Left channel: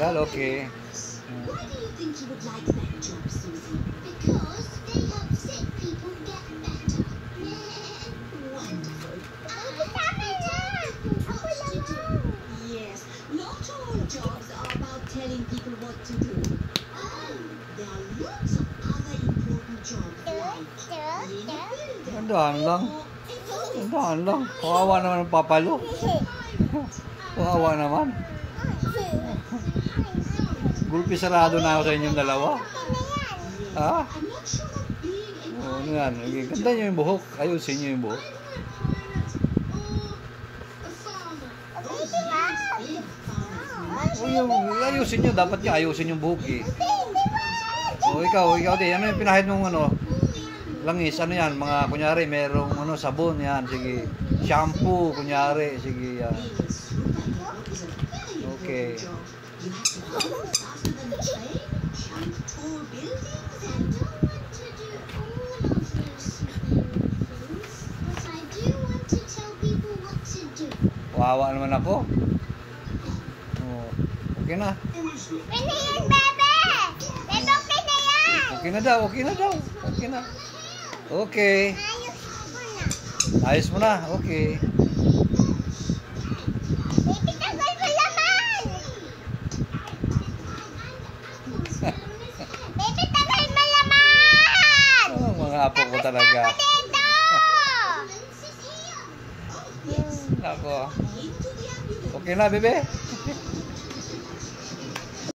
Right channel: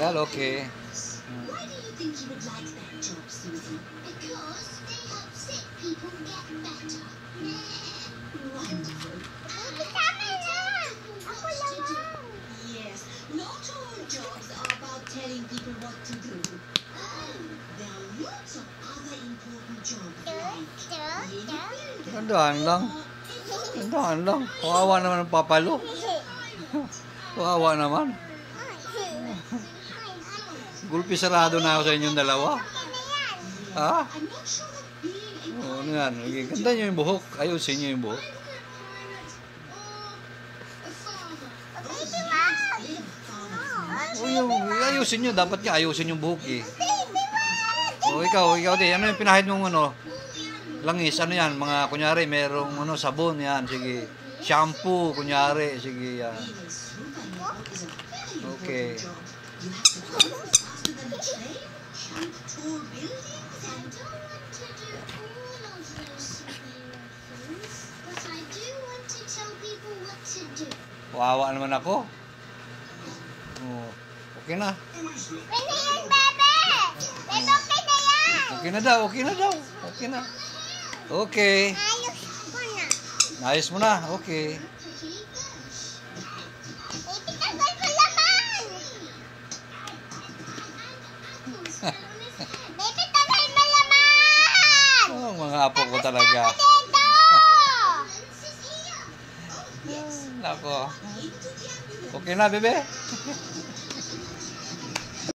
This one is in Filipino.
Tanggal, okay. Why do you think you would like that job, Susie? Because they help sick people get better. Wonderful. Yes, not all jobs are about telling people what to do. There are lots of other important jobs like Tandaan lang. Tandaan lang. Kawawa naman ang papalo. Kawawa naman. Gulpi sarado na ako sa inyong dalawa. Ha? O, ano yan? Ganda nyo yung buhok. Ayusin nyo yung buhok. O, ayusin nyo. Dapat nga ayusin yung buhok eh. O, ikaw din. Ano yung pinahid mong ano? Langis, ano yan? Mga, kunyari, merong ano, sabon yan. Sige. Shampoo, kunyari. Sige, yan. Okay. Wawa naman ako. Oh, okay na. Okay na daw, okay na daw. Okay na. Okay. Ayos mo na, okay. Oh, mga apo ko talaga. Nako. Okay na, bebe?